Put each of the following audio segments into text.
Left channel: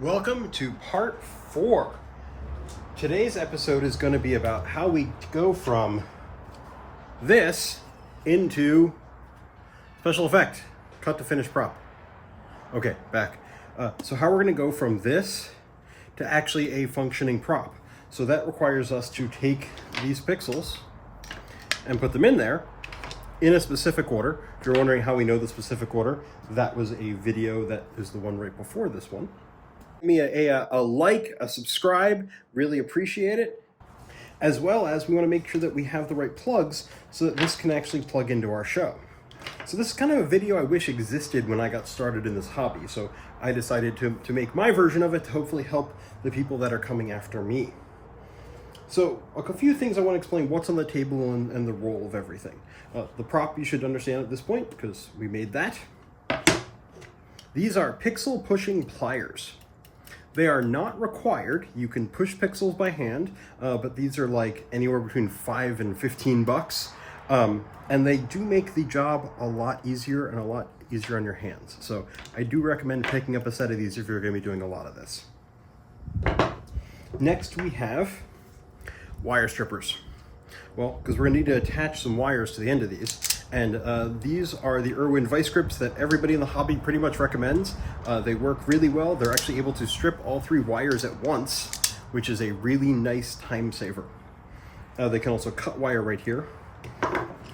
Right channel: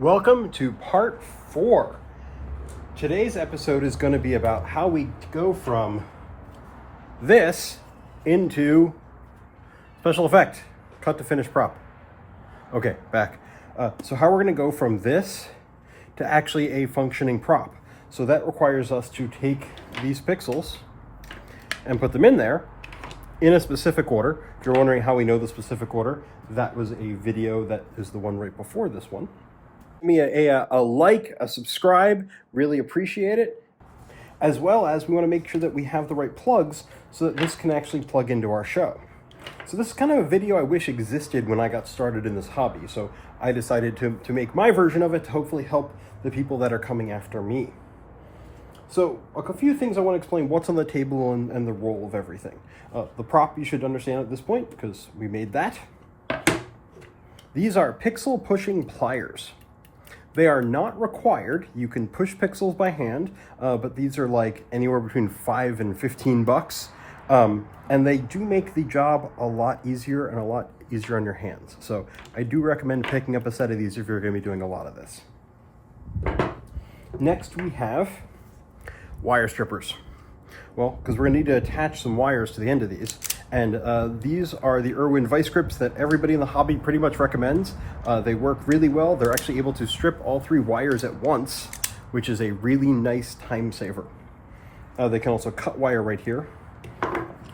Welcome to part 4. Today's episode is going to be about how we go from this into special effect, cut to finish prop. Okay, back. So how we're going to go from this to actually a functioning prop. So that requires us to take these pixels and put them in there in a specific order. If you're wondering how we know the specific order, that was a video that is the one right before this one. Give me a like, a subscribe, really appreciate it. As well as we want to make sure that we have the right plugs so that this can actually plug into our show. So this is kind of a video I wish existed when I got started in this hobby. So I decided to make my version of it to hopefully help the people that are coming after me. So a few things I want to explain what's on the table and the role of everything. The prop you should understand at this point because we made that. These are pixel pushing pliers. They are not required. You can push pixels by hand, but these are like anywhere between $5 and $15. And they do make the job a lot easier and a lot easier on your hands. So I do recommend picking up a set of these if you're going to be doing a lot of this. Next we have wire strippers. Well, because we're going to need to attach some wires to the end of these. And these are the IRWIN VISE-GRIPs that everybody in the hobby pretty much recommends. They work really well. They're actually able to strip all 3 wires at once, which is a really nice time saver. They can also cut wire right here,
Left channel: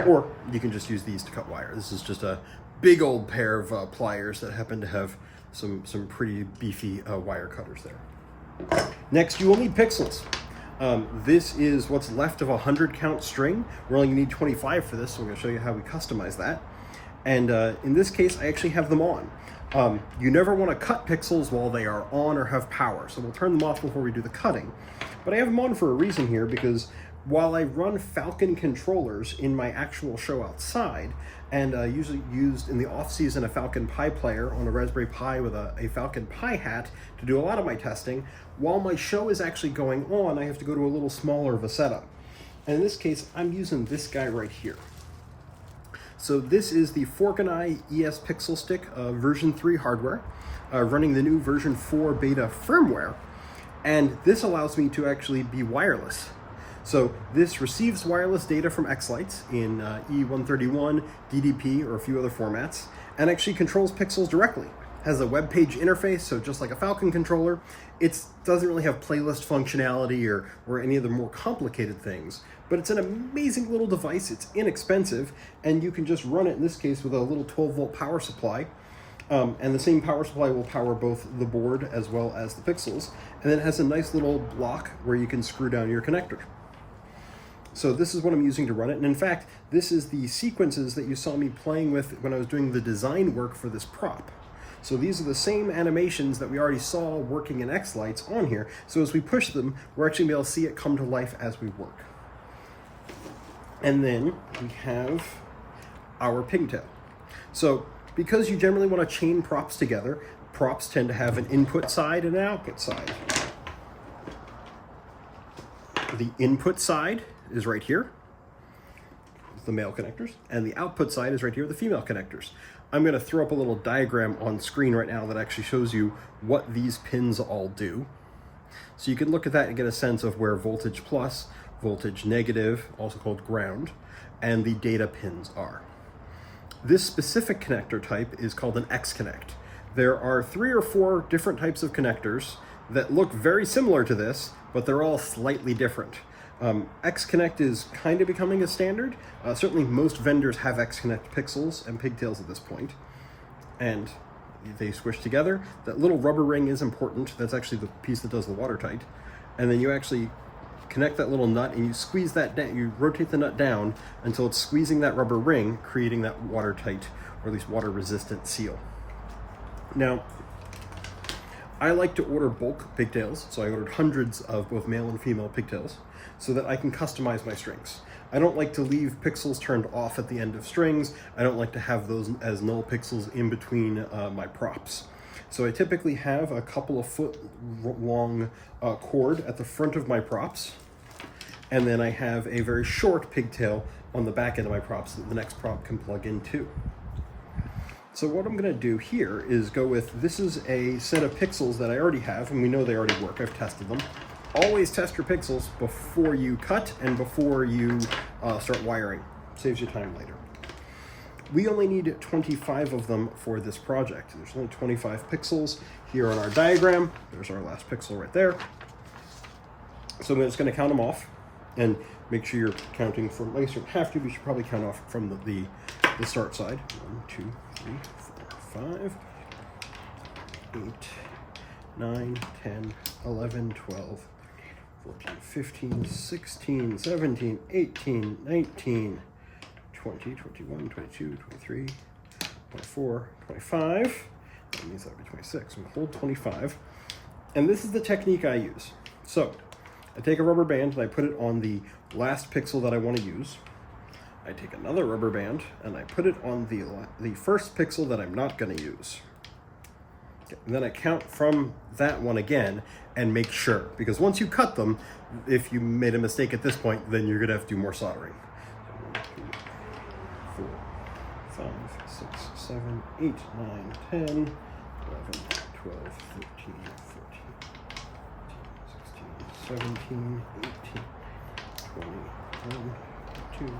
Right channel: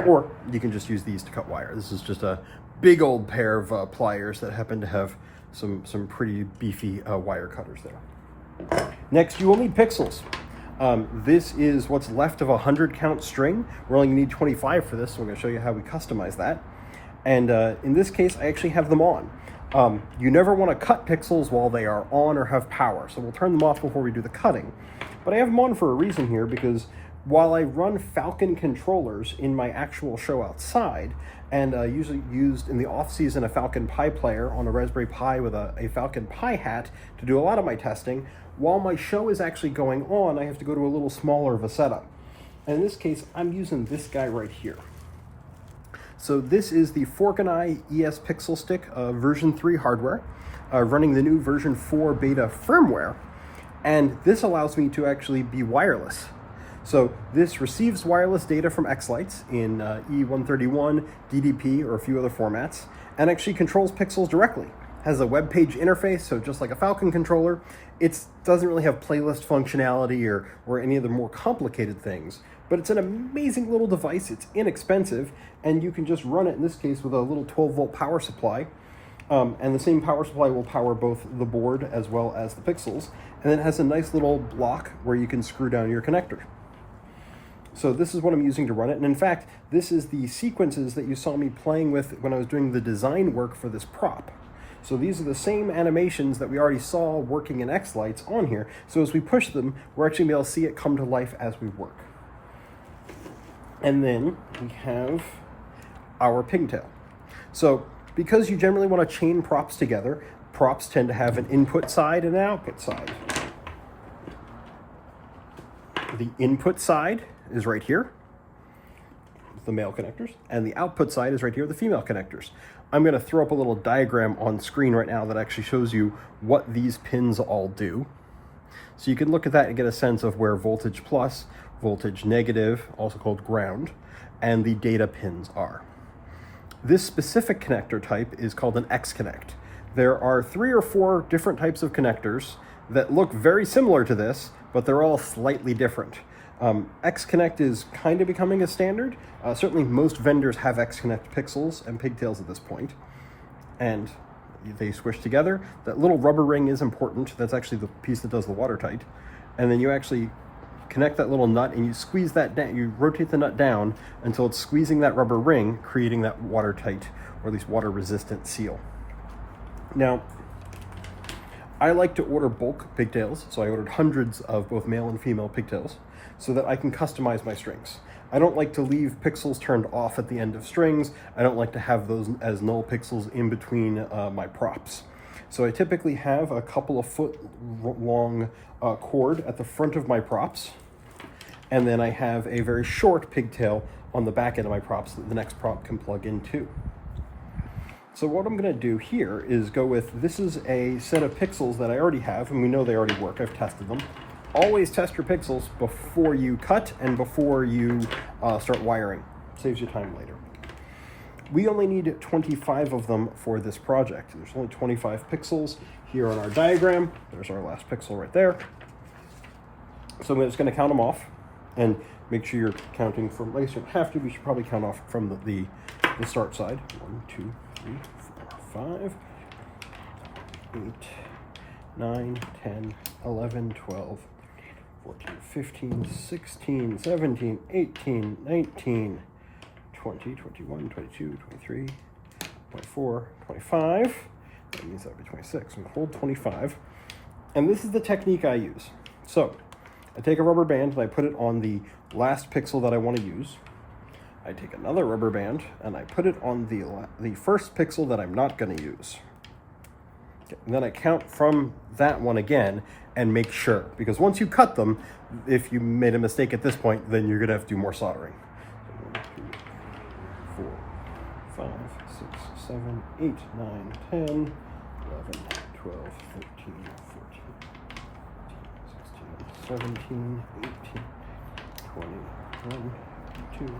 or you can just use these to cut wire. This is just a big old pair of pliers that happen to have some pretty beefy wire cutters there. Next, you will need pixels. This is what's left of a 100 count string. We only need 25 for this, so I'm going to show you how we customize that. And in this case, I actually have them on. You never want to cut pixels while they are on or have power, so we'll turn them off before we do the cutting. But I have them on for a reason here, because while I run Falcon controllers in my actual show outside, and usually used in the off-season a Falcon Pi player on a Raspberry Pi with a Falcon Pi hat to do a lot of my testing, while my show is actually going on, I have to go to a little smaller of a setup. And in this case, I'm using this guy right here. So this is the Fork & Eye ES Pixel Stick version 3 hardware, running the new version 4 beta firmware. And this allows me to actually be wireless. So this receives wireless data from X-Lights in E131, DDP, or a few other formats, and actually controls pixels directly. Has a web page interface, so just like a Falcon controller, it doesn't really have playlist functionality or any of the more complicated things, but it's an amazing little device. It's inexpensive, and you can just run it, in this case, with a little 12-volt power supply. And the same power supply will power both the board as well as the pixels, and it has a nice little block where you can screw down your connector. So this is what I'm using to run it, and in fact, this is the sequences that you saw me playing with when I was doing the design work for this prop. So these are the same animations that we already saw working in X-Lights on here, so as we push them, we're actually going to be able to see it come to life as we work. And then we have our pigtail. So because you generally want to chain props together, props tend to have an input side and an output side. The input side is right here, the male connectors, and the output side is right here, the female connectors. I'm going to throw up a little diagram on screen right now that actually shows you what these pins all do. So you can look at that and get a sense of where voltage plus, voltage negative, also called ground, and the data pins are. This specific connector type is called an X-Connect. There are 3 or 4 different types of connectors that look very similar to this, but they're all slightly different. X-Connect is kind of becoming a standard. Certainly most vendors have X-Connect pixels and pigtails at this point, and they squish together. That little rubber ring is important. That's actually the piece that does the watertight. And then you actually connect that little nut and you squeeze that down. You rotate the nut down until it's squeezing that rubber ring, creating that watertight, or at least water-resistant seal. Now, I like to order bulk pigtails, so I ordered hundreds of both male and female pigtails, so that I can customize my strings. I don't like to leave pixels turned off at the end of strings. I don't like to have those as null pixels in between my props. So I typically have a couple of foot long cord at the front of my props, and then I have a very short pigtail on the back end of my props that the next prop can plug into. So what I'm going to do here is go with, this is a set of pixels that I already have, and we know they already work. I've tested them. Always test your pixels before you cut and before you start wiring. Saves you time later. We only need 25 of them for this project. There's only 25 pixels here on our diagram. There's our last pixel right there. So I'm just going to count them off and make sure you're counting from, I guess you don't have to, but you should probably count off from the start side. 1, 2, 3, 4, 5, 8, 9, 10, 11, 12, 14, 15, 16, 17, 18, 19, 20, 21, 22, 23, 24, 25. That means that would be 26. I'm going to hold 25. And this is the technique I use. So I take a rubber band and I put it on the last pixel that I want to use. I take another rubber band and I put it on the first pixel that I'm not going to use. Okay, and then I count from that one again and make sure, because once you cut them, if you made a mistake at this point, then you're going to have to do more soldering. So 1, 2, 4, 5, 6, 7, 8, 9, 10, 11, 12, 13, 14, 16, 17, 18, 20, 21, 22,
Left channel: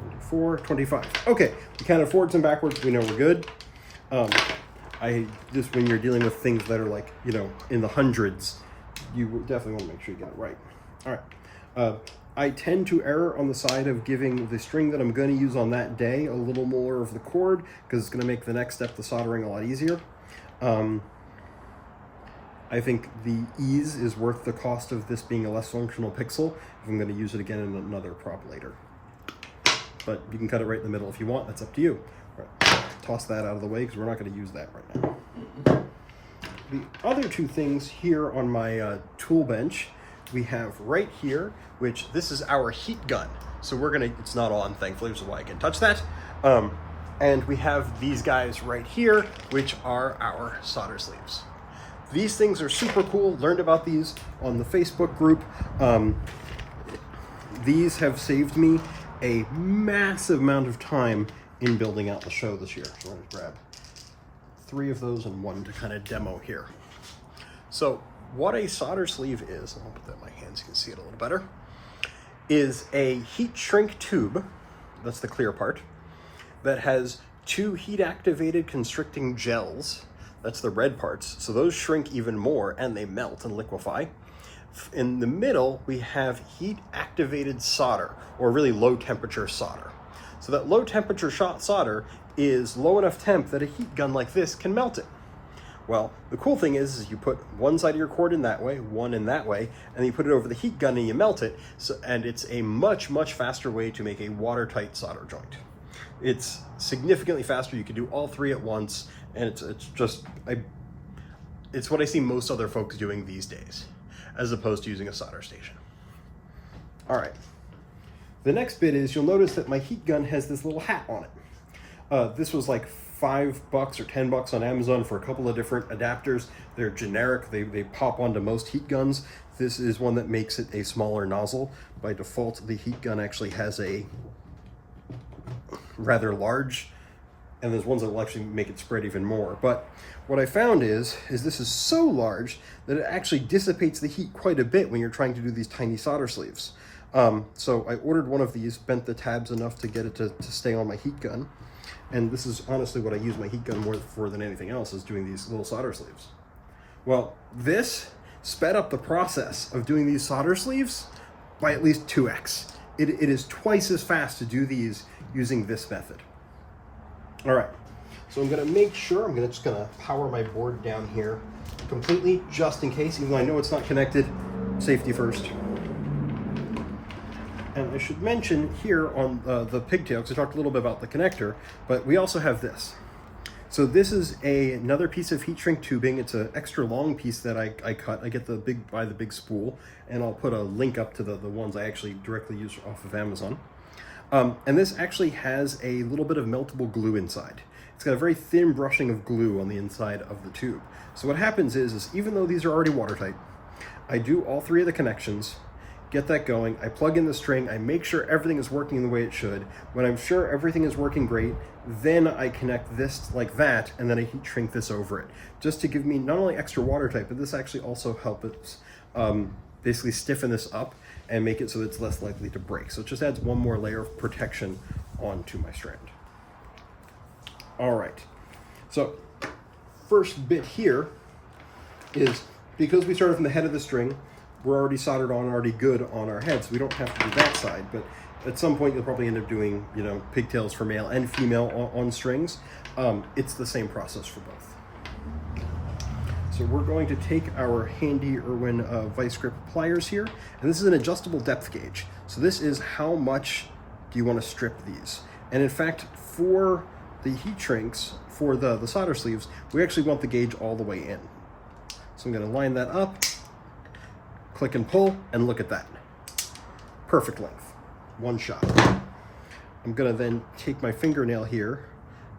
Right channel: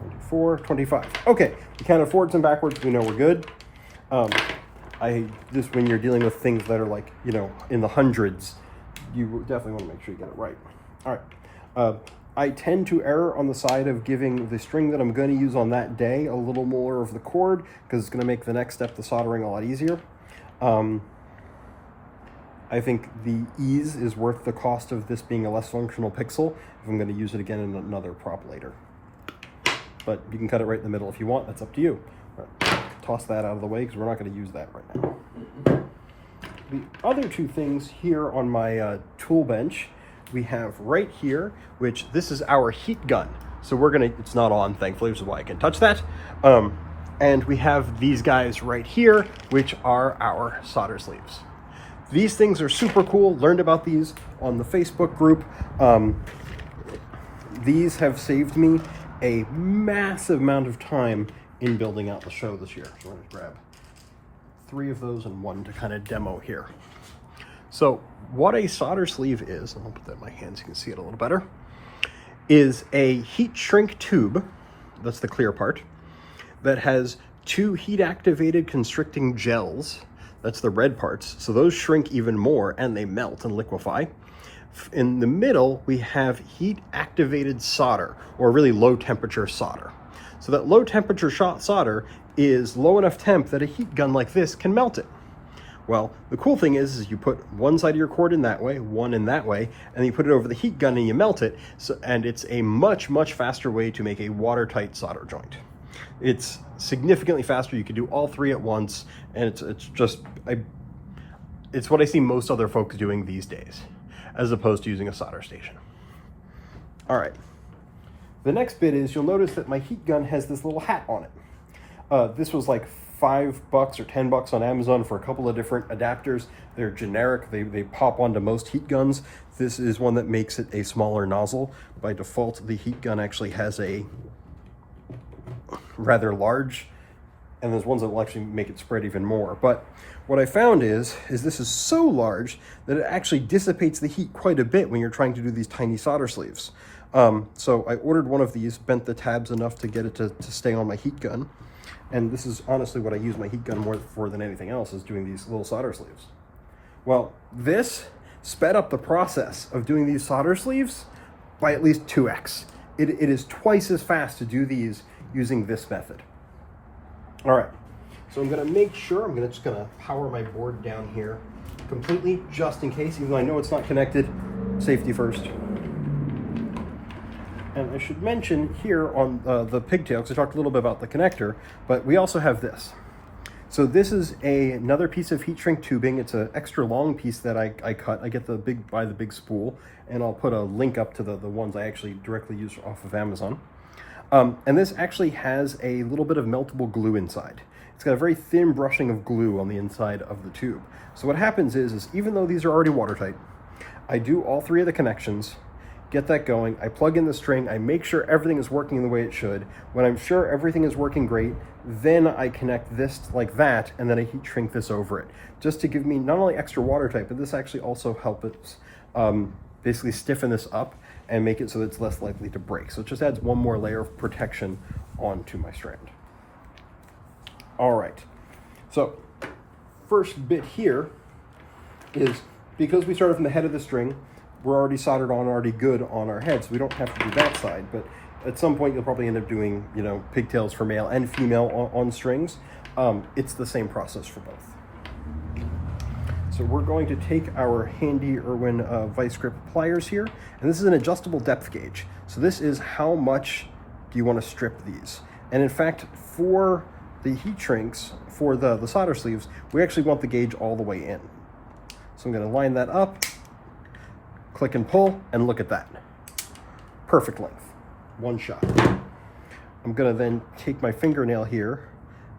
24, 25. Okay, we counted forwards and backwards. We know we're good. Just when you're dealing with things that are like, you know, in the hundreds, you definitely want to make sure you get it right. All right. I tend to err on the side of giving the string that I'm going to use on that day a little more of the cord, because it's going to make the next step, the soldering, a lot easier. I think the ease is worth the cost of this being a less functional pixel if I'm going to use it again in another prop later. But you can cut it right in the middle if you want. That's up to you. All right. Toss that out of the way because we're not going to use that right now. The other two things here on my tool bench, we have right here, which this is our heat gun. So we're going to, it's not on, thankfully, which is why I can touch that. And we have these guys right here, which are our solder sleeves. These things are super cool. Learned about these on the Facebook group. These have saved me a massive amount of time in building out the show this year. So I'm going to grab 3 of those and 1 to kind of demo here. So what a solder sleeve is, let me put that in my hands so you can see it a little better, is a heat shrink tube, that's the clear part, that has 2 heat activated constricting gels. That's the red parts. So those shrink even more and they melt and liquefy. In the middle, we have heat activated solder, or really low temperature solder. So that low temperature solder is low enough temp that a heat gun like this can melt it. Well, the cool thing is you put one side of your cord in that way, one in that way, and then you put it over the heat gun and you melt it. So, and it's a much, much faster way to make a watertight solder joint. It's significantly faster. You can do all 3 at once, and it's what I see most other folks doing these days, as opposed to using a solder station. All right. The next bit is you'll notice that my heat gun has this little hat on it. This was like $5 or $10 on Amazon for a couple of different adapters. They're generic. They pop onto most heat guns. This is one that makes it a smaller nozzle. By default, the heat gun actually has a rather large, and there's ones that will actually make it spread even more. But what I found is this is so large that it actually dissipates the heat quite a bit when you're trying to do these tiny solder sleeves. So I ordered one of these, bent the tabs enough to get it to stay on my heat gun. And this is honestly what I use my heat gun more for than anything else, is doing these little solder sleeves. Well, this sped up the process of doing these solder sleeves by at least 2x. It is twice as fast to do these using this method. All right, so I'm gonna make sure, I'm just gonna power my board down here completely, just in case, even though I know it's not connected. Safety first. And I should mention here on the Pigtails, I talked a little bit about the connector, but we also have this. So this is another piece of heat shrink tubing. It's an extra long piece that I cut. I get the big spool, and I'll put a link up to the ones I actually directly use off of Amazon. And this actually has a little bit of meltable glue inside. It's got a very thin brushing of glue on the inside of the tube. So what happens is even though these are already watertight, I do all 3 of the connections, get that going. I plug in the string, I make sure everything is working the way it should. When I'm sure everything is working great, then I connect this like that, and then I heat shrink this over it, just to give me not only extra water tight, but this actually also helps basically stiffen this up and make it so that it's less likely to break. So it just adds one more layer of protection onto my strand. All right, so first bit here is, because we started from the head of the string, we're already soldered on, already good on our head, so we don't have to do that side. But at some point, you'll probably end up doing, you know, pigtails for male and female on strings. It's the same process for both. So we're going to take our handy IRWIN VISE-GRIP pliers here, and this is an adjustable depth gauge. So this is how much do you want to strip these. And in fact, for the heat shrinks, for the solder sleeves, we actually want the gauge all the way in. So I'm going to line that up, click and pull, and look at that. Perfect length, one shot. I'm going to then take my fingernail here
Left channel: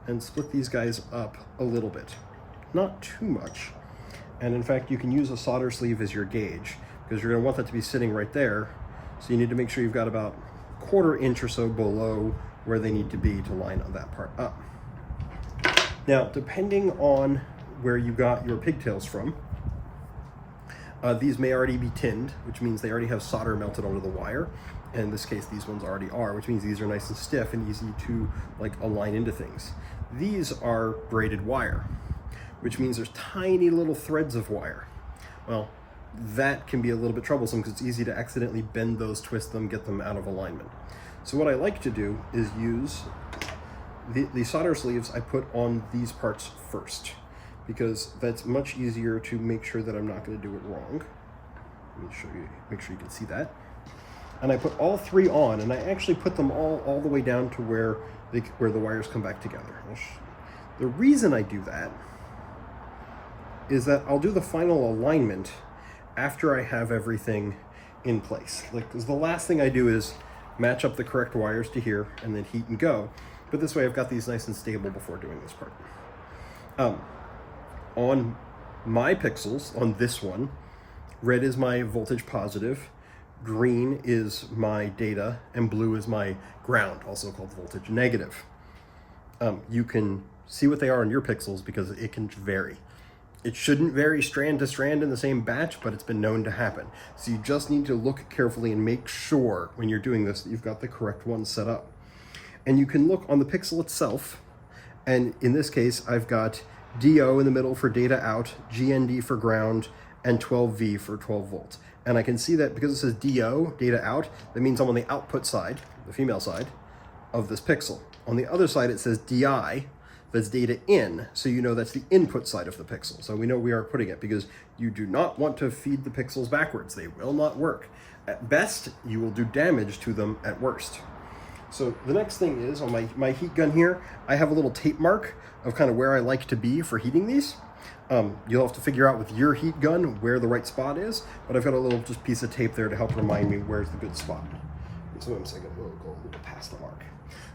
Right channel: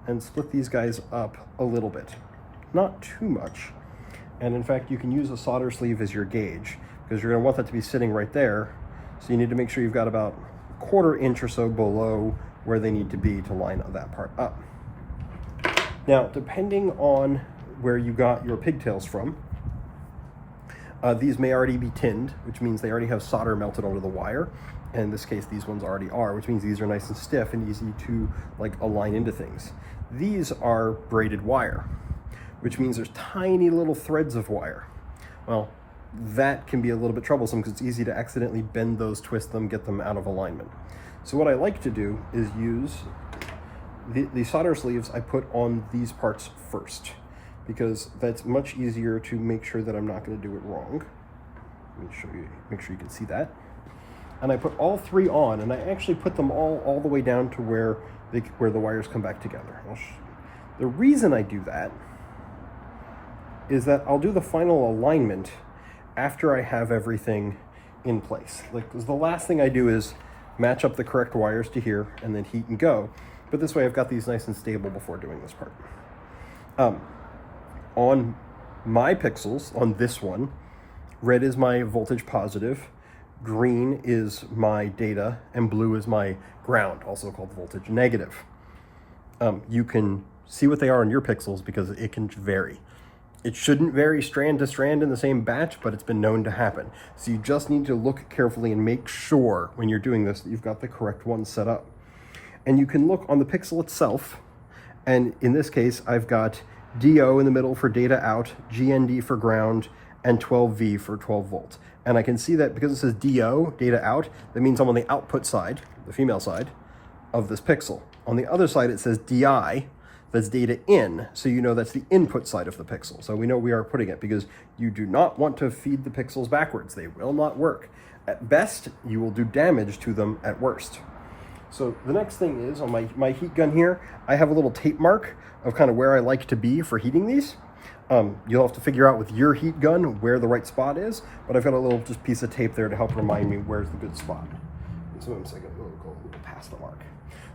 and split these guys up a little bit. Not too much. And in fact, you can use a solder sleeve as your gauge, because you're going to want that to be sitting right there. So you need to make sure you've got about a 1/4 inch or so below where they need to be to line that part up. Now, depending on where you got your pigtails from, these may already be tinned, which means they already have solder melted onto the wire. And in this case, these ones already are, which means these are nice and stiff and easy to like align into things. These are braided wire, which means there's tiny little threads of wire. Well, that can be a little bit troublesome because it's easy to accidentally bend those, twist them, get them out of alignment. So what I like to do is use the solder sleeves I put on these parts first, because that's much easier to make sure that I'm not going to do it wrong. Let me show you, make sure you can see that. And I put all 3 on, and I actually put them all the way down to where the wires come back together. The reason I do that is that I'll do the final alignment after I have everything in place. Like, 'cause the last thing I do is match up the correct wires to here and then heat and go. But this way I've got these nice and stable before doing this part. On my pixels, on this one, red is my voltage positive, green is my data, and blue is my ground, also called voltage negative. You can see what they are on your pixels because it can vary. It shouldn't vary strand to strand in the same batch, but it's been known to happen. So you just need to look carefully and make sure when you're doing this that you've got the correct one set up. And you can look on the pixel itself, and in this case, I've got DO in the middle for data out, GND for ground, and 12V for 12 volts. And I can see that because it says DO, data out, that means I'm on the output side, the female side, of this pixel. On the other side, it says DI, that's data in, so you know that's the input side of the pixel. So we know we are putting it, because you do not want to feed the pixels backwards. They will not work. At best, you will do damage to them at worst. So the next thing is, on my heat gun here, I have a little tape mark of kind of where I like to be for heating these. You'll have to figure out with your heat gun where the right spot is, but I've got a little just piece of tape there to help remind me where's the good spot. And sometimes I gotta go a little past the mark.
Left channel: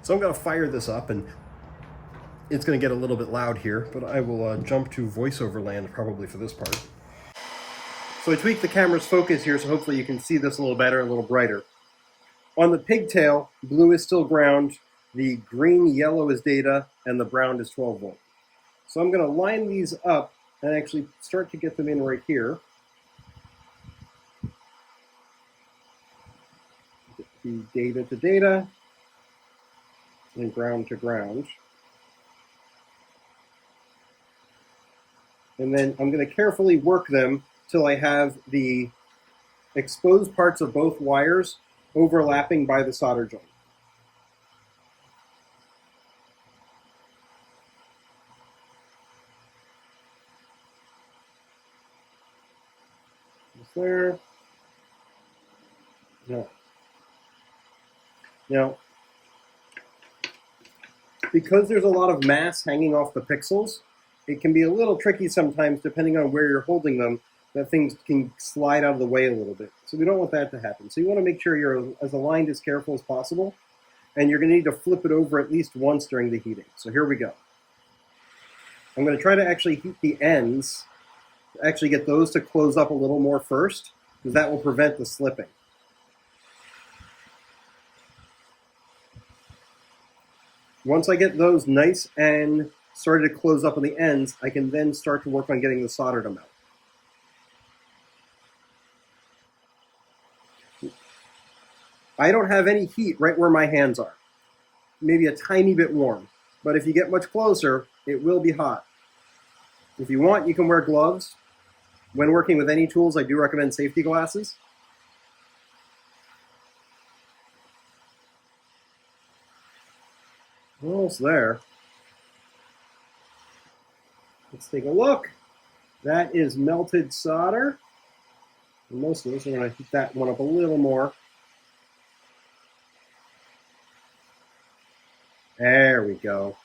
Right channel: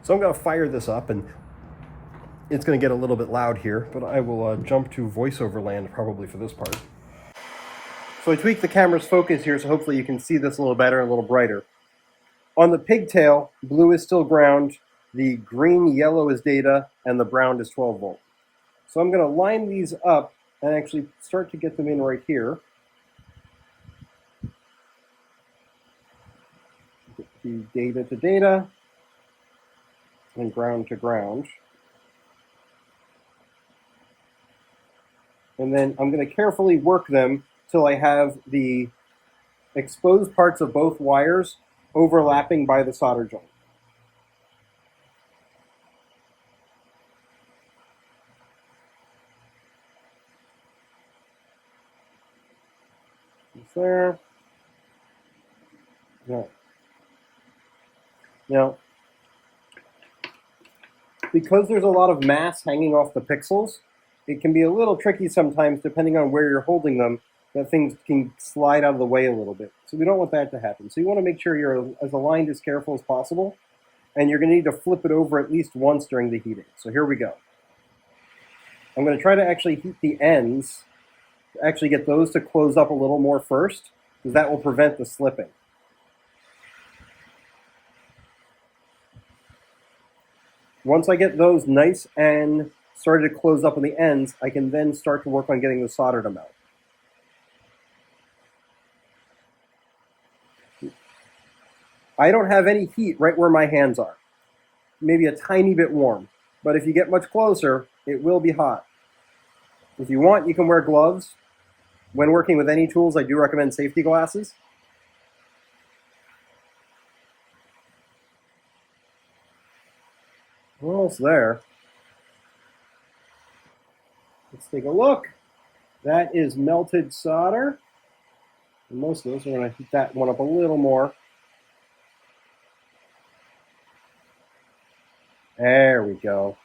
So I'm gonna fire this up, and it's gonna get a little bit loud here, but I will jump to voiceover land probably for this part. So I tweaked the camera's focus here, so hopefully you can see this a little better, a little brighter. On the pigtail, blue is still ground, the green, yellow is data, and the brown is 12 volt. So I'm gonna line these up and actually start to get them in right here. Get the data to data, and ground to ground. And then I'm going to carefully work them till I have the exposed parts of both wires overlapping by the solder joint. Just there. Yeah. Now, because there's a lot of mass hanging off the pixels, it can be a little tricky sometimes, depending on where you're holding them, that things can slide out of the way a little bit. So we don't want that to happen. So you want to make sure you're as aligned, as careful as possible, and you're going to need to flip it over at least once during the heating. So here we go. I'm going to try to actually heat the ends, actually get those to close up a little more first, because that will prevent the slipping. Once I get those nice and started to close up on the ends, I can then start to work on getting the solder to melt. I don't have any heat right where my hands are. Maybe a tiny bit warm. But if you get much closer, it will be hot. If you want, you can wear gloves. When working with any tools, I do recommend safety glasses. Almost there. Let's take a look. That is melted solder. And most of those are going to heat that one up a little more. There we go.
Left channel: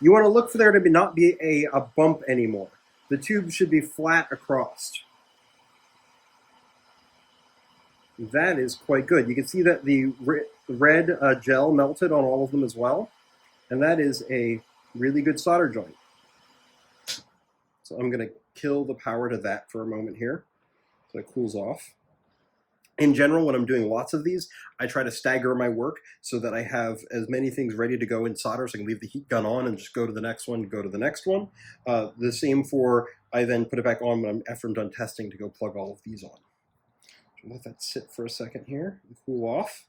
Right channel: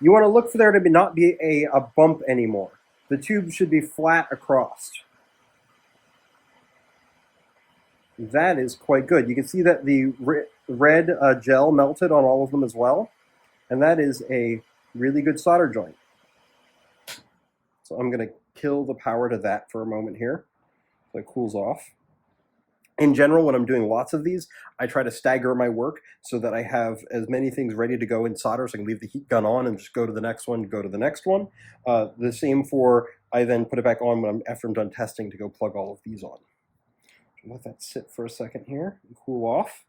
You want to look for there to not be a bump anymore. The tube should be flat across. That is quite good. You can see that the red gel melted on all of them as well. And that is a really good solder joint. So I'm going to kill the power to that for a moment here so it cools off. In general, when I'm doing lots of these, I try to stagger my work so that I have as many things ready to go in solder so I can leave the heat gun on and just go to the next one, go to the next one. The same for, I then put it back on after I'm done testing to go plug all of these on. Let that sit for a second here and cool off.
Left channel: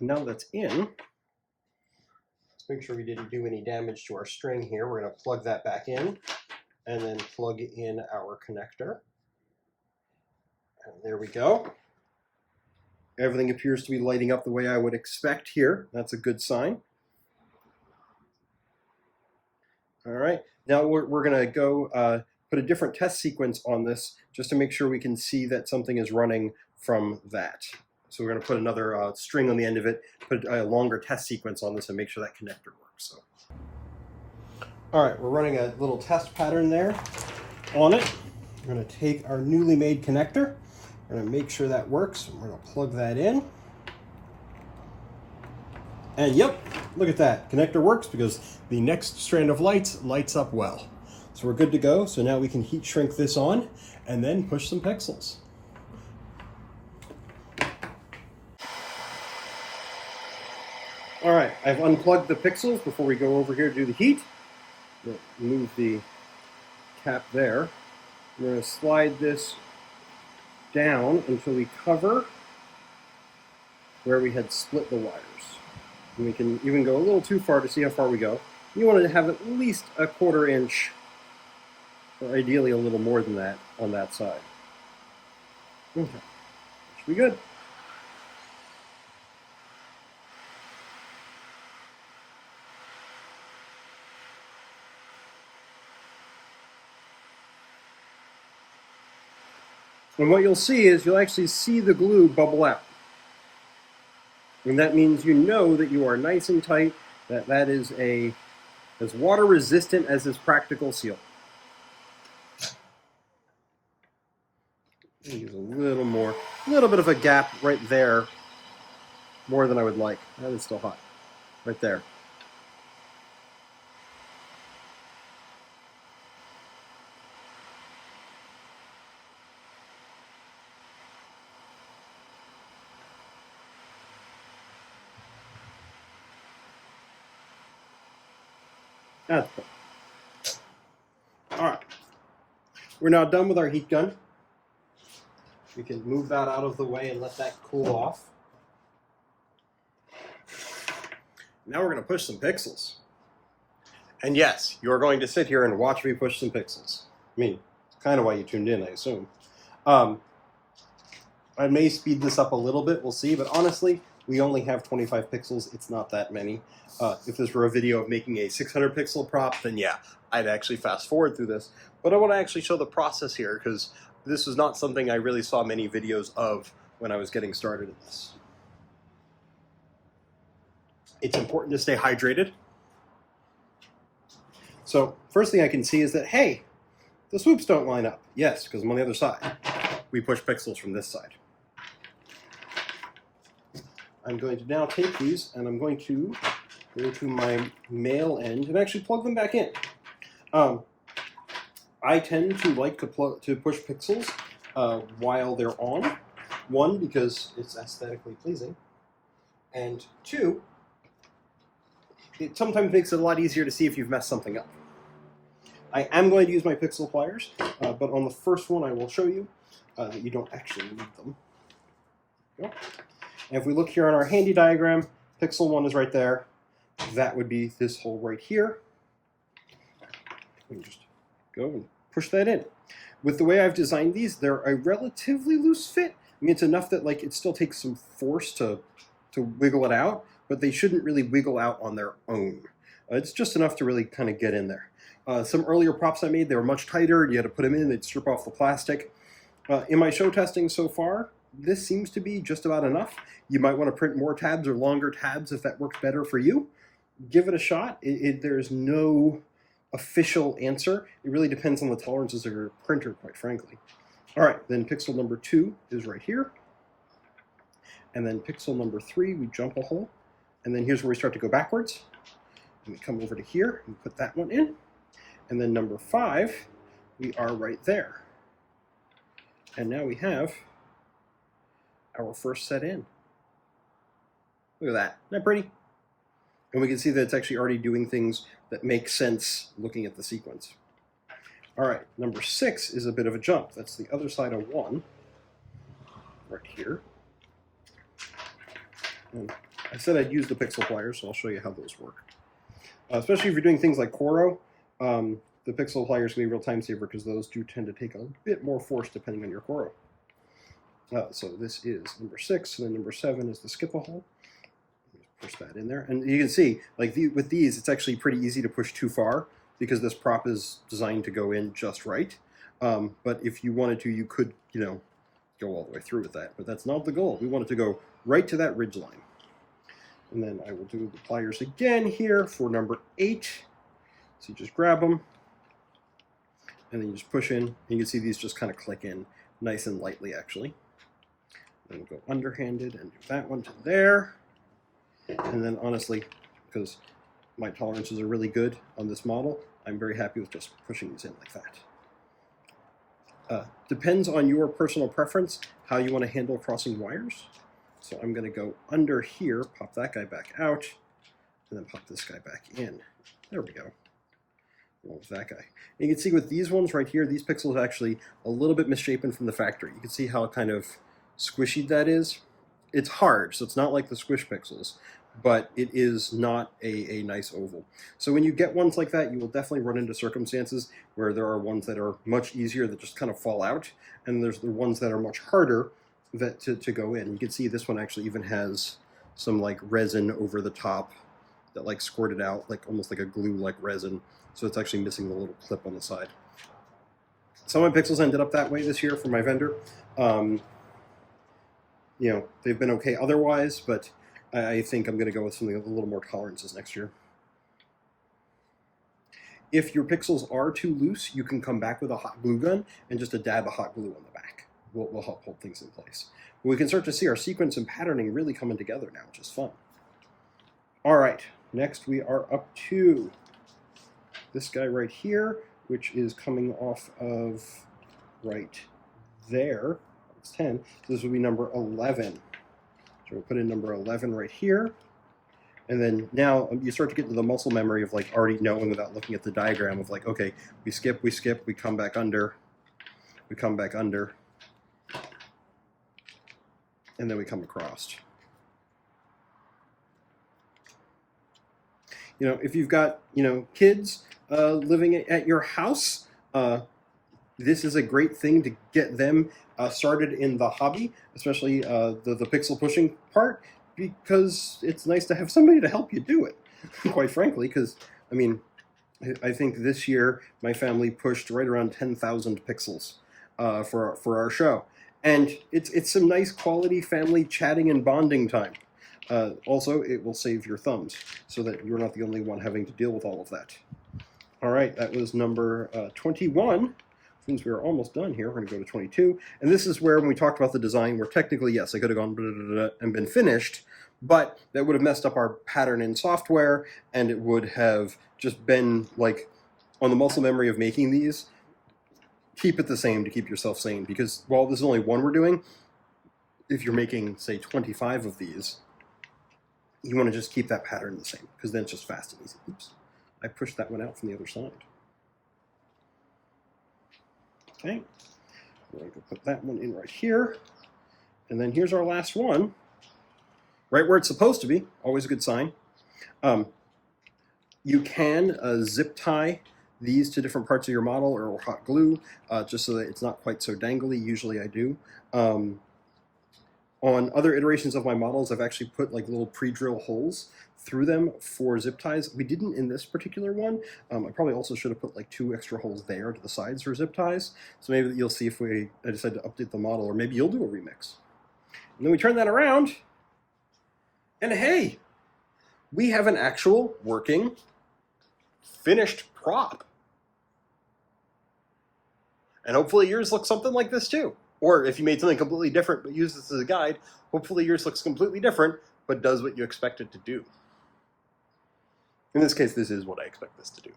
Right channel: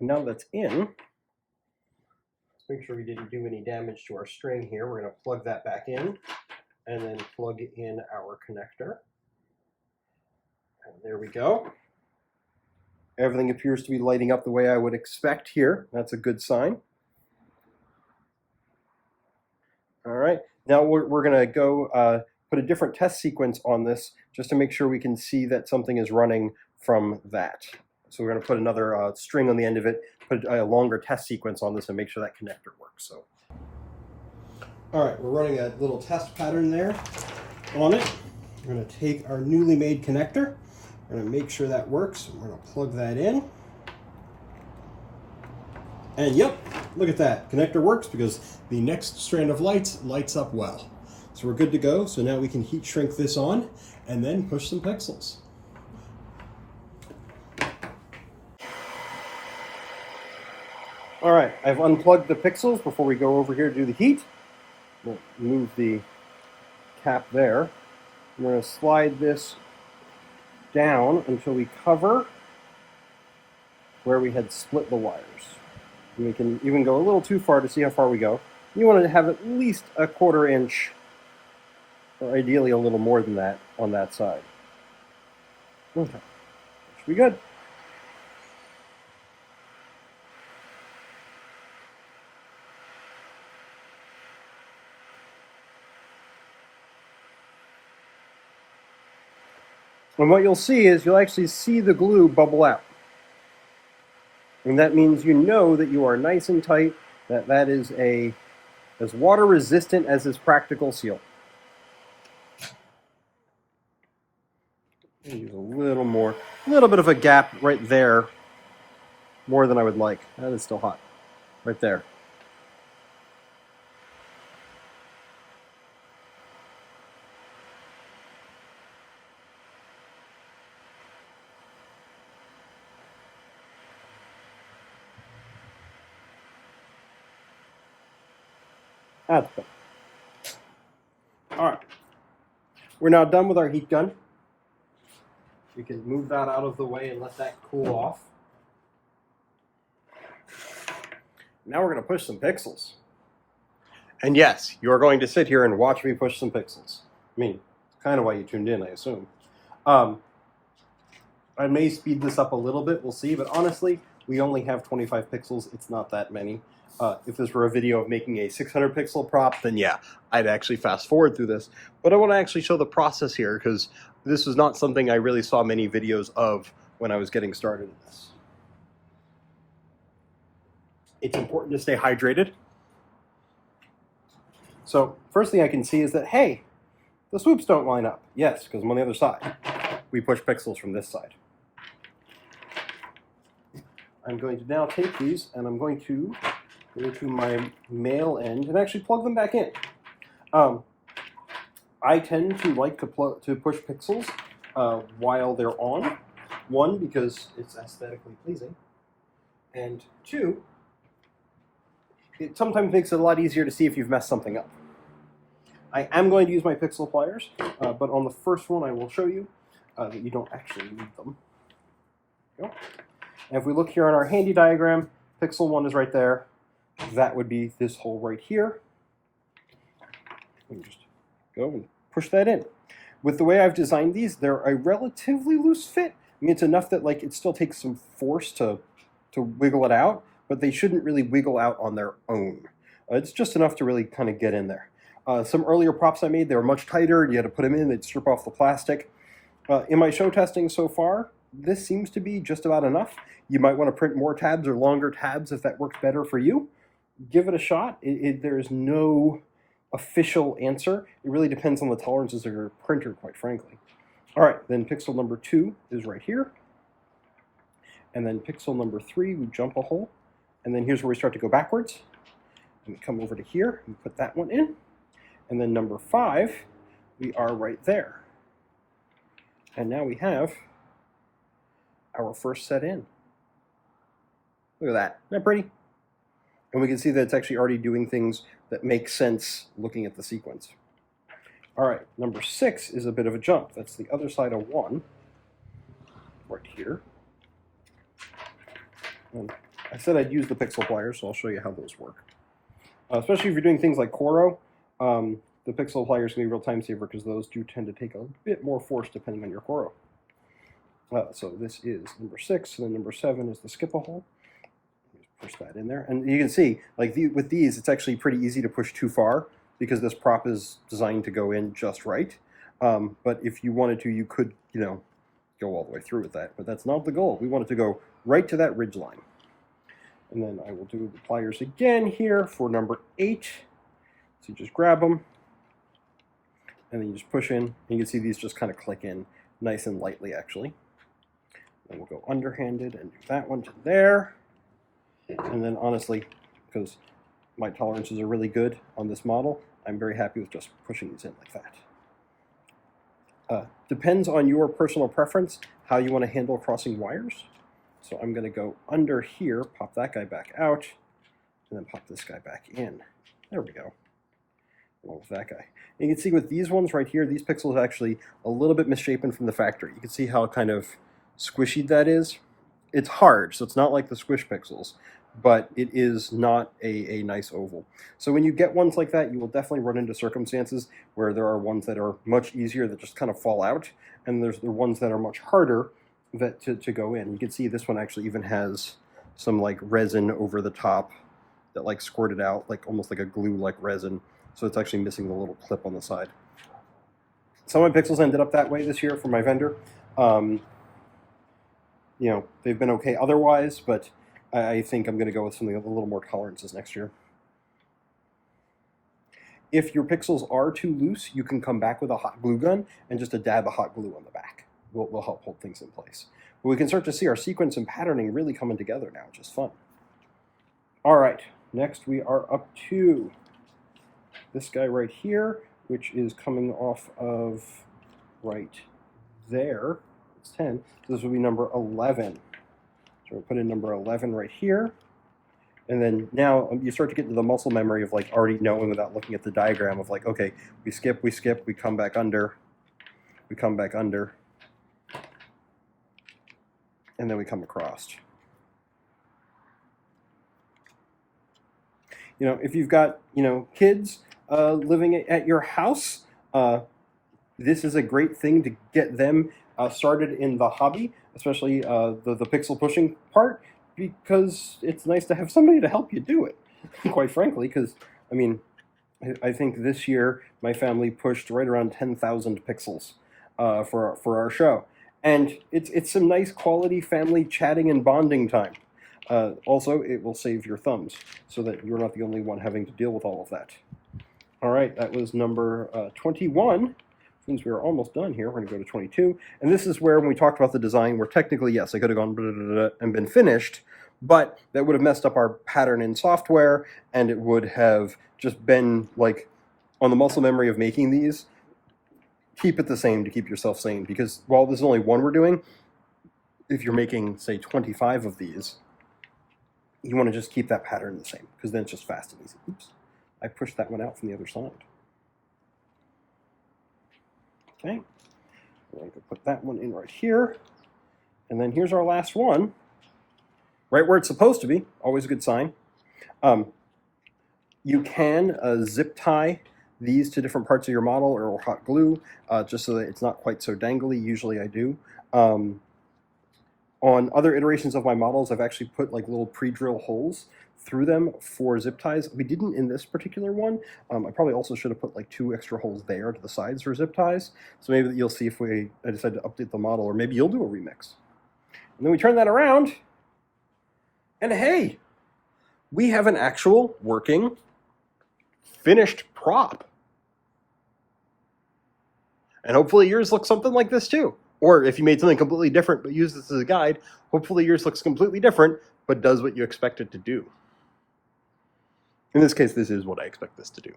Now that's in, let's make sure we didn't do any damage to our string here. We're going to plug that back in and then plug in our connector. And there we go. Everything appears to be lighting up the way I would expect here. That's a good sign. All right, now we're going to go put a different test sequence on this just to make sure we can see that something is running from that. So we're going to put another string on the end of it, put a longer test sequence on this and make sure that connector works. So, all right, we're running a little test pattern there on it. We're going to take our newly made connector. We're going to make sure that works. We're going to plug that in. And yep, look at that. Connector works because the next strand of lights lights up well. So we're good to go. So now we can heat shrink this on and then push some pixels. All right, I've unplugged the pixels before we go over here to do the heat. Move the cap there. I'm going to slide this down until we cover where we had split the wires. And we can even go a little too far to see how far we go. You want to have at least a 1/4 inch, or ideally a little more than that, on that side. Okay, should be good. And what you'll see is you'll actually see the glue bubble out. And that means you know that you are nice and tight, that that is as water resistant as is practical seal. Use a little more, a little bit of a gap right there, more than I would like. That is still hot, right there. That's good. All right, we're now done with our heat gun. We can move that out of the way and let that cool off. Now we're going to push some pixels. And yes, you are going to sit here and watch me push some pixels. I mean, it's kind of why you tuned in, I assume. I may speed this up a little bit, we'll see, but honestly, we only have 25 pixels. It's not that many. If this were a video of making a 600 pixel prop, then yeah, I'd actually fast forward through this. But I want to actually show the process here because this was not something I really saw many videos of when I was getting started in this. It's important to stay hydrated. So first thing I can see is that, hey, the swoops don't line up. Yes, because I'm on the other side. We push pixels from this side. I'm going to now take these and I'm going to go to my male end and actually plug them back in. I tend to like to push pixels while they're on. One, because it's aesthetically pleasing. And two, it sometimes makes it a lot easier to see if you've messed something up. I am going to use my pixel pliers, but on the first one I will show you that you don't actually need them. There you go. And if we look here on our handy diagram, pixel 1 is right there. That would be this hole right here. We can just go and push that in. With the way I've designed these, they're a relatively loose fit. I mean, it's enough that like it still takes some force to wiggle it out, but they shouldn't really wiggle out on their own. It's just enough to really kind of get in there. Some earlier props I made, they were much tighter. You had to put them in, they'd strip off the plastic. In my show testing so far, this seems to be just about enough. You might want to print more tabs or longer tabs if that works better for you. Give it a shot. There's no official answer. It really depends on the tolerances of your printer, quite frankly. All right, then pixel number 2 is right here. And then pixel number 3, we jump a hole. And then here's where we start to go backwards. And we come over to here and put that one in. And then number 5, we are right there. And now we have our first set in. Look at that. Isn't that pretty? And we can see that it's actually already doing things that make sense looking at the sequence. All right, number 6 is a bit of a jump. That's the other side of 1, right here. And I said I'd use the pixel pliers, so I'll show you how those work. Especially if you're doing things like Coro, the pixel pliers can be a real time saver because those do tend to take a bit more force depending on your Coro. So this is number 6, and then number 7 is the skip a hole. Push that in there, and you can see, like with these, it's actually pretty easy to push too far because this prop is designed to go in just right. But if you wanted to, you could, go all the way through with that. But that's not the goal. We want it to go right to that ridge line. And then I will do the pliers again here for number 8. So you just grab them, and then you just push in. And you can see these just kind of click in nice and lightly, actually. Then we'll go underhanded and do that one to there. And then honestly, because my tolerances are really good on this model, I'm very happy with just pushing these in like that. Depends on your personal preference how you want to handle crossing wires. So I'm going to go under here, pop that guy back out, and then pop this guy back in. There we go. Along with that guy. And you can see with these ones right here, these pixels are actually a little bit misshapen from the factory. You can see how kind of squishy that is. It's hard, so it's not like the squish pixels, but it is not a nice oval. So when you get ones like that, you will definitely run into circumstances where there are ones that are much easier that just kind of fall out, and there's the ones that are much harder that to go in. You can see this one actually even has some like resin over the top that like squirted out, like almost like a glue-like resin. So it's actually missing the little clip on the side. Some of my pixels ended up that way this year from my vendor. They've been okay otherwise, but I think I'm going to go with something with a little more tolerances next year. If your pixels are too loose, you can come back with a hot glue gun and just a dab of hot glue on the back. Will help hold things in place. But we can start to see our sequence and patterning really coming together now, which is fun. All right, next we are up to this guy right here, which is coming off of right there. It's 10. So this will be number 11. So we'll put in number 11 right here. And then now you start to get into the muscle memory of like already knowing without looking at the diagram of like, okay, we skip, we come back under, we come back under, and then we come across. If you've got, kids living at your house, this is a great thing to get them started in the hobby, especially the pixel pushing part, because it's nice to have somebody to help you do it, quite frankly, because, I think this year my family pushed right around 10,000 pixels for our show. And it's some nice quality family chatting and bonding time. Also, it will save your thumbs, so that you're not the only one having to deal with all of that. All right, that was number 21. Since we are almost done here, we're going to go to 22. And this is where, when we talked about the design, where technically, yes, I could have gone blah, blah, blah, and been finished, but that would have messed up our pattern in software, and it would have just been, like, on the muscle memory of making these, keep it the same to keep yourself sane, because while this is only one we're doing, if you're making, say, 25 of these, you want to just keep that pattern the same, because then it's just fast and easy. Oops, I pushed that one out from the other side. Okay, we're going to put that one in right here. And then here's our last one, right where it's supposed to be, always a good sign. You can zip tie these to different parts of your model or hot glue, just so that it's not quite so dangly. Usually I do. On other iterations of my models, I've actually put like little pre-drill holes through them for zip ties. We didn't in this particular one. I probably also should have put like 2 extra holes there to the sides for zip ties. So maybe you'll see if I decide to update the model, or maybe you'll do a remix. And then we turn that around, and hey, we have an actual working, finished prop. And hopefully yours looks something like this too. Or if you made something completely different but use this as a guide, hopefully yours looks completely different but does what you expect it to do. In this case, this is what I expect this to do.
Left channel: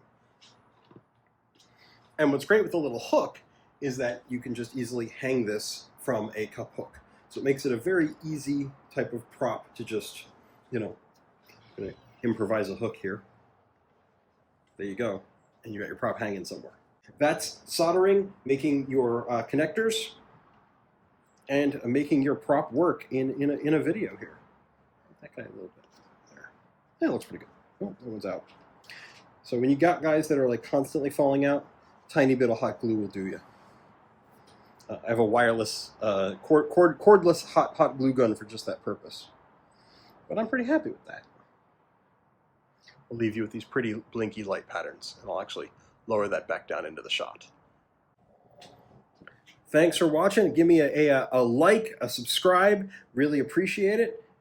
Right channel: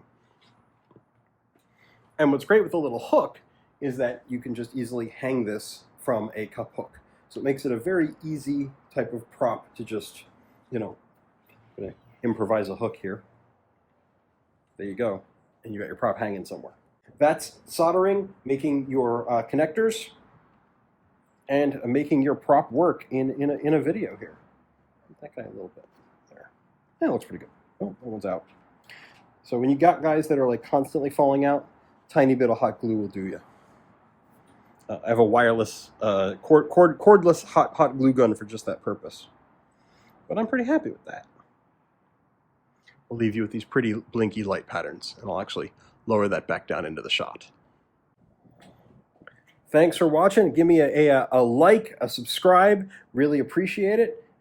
And what's great with the little hook is that you can just easily hang this from a cup hook. So it makes it a very easy type of prop to just, you know, I'm gonna improvise a hook here. There you go. And you got your prop hanging somewhere. That's soldering, making your connectors, and making your prop work in a video here. That guy a little bit there. Yeah, that looks pretty good. Oh, that one's out. So when you got guys that are like constantly falling out, tiny bit of hot glue will do you. I have a wireless, cordless hot glue gun for just that purpose. But I'm pretty happy with that. I'll leave you with these pretty blinky light patterns, and I'll actually lower that back down into the shot. Thanks for watching. Give me a like, a subscribe. Really appreciate it.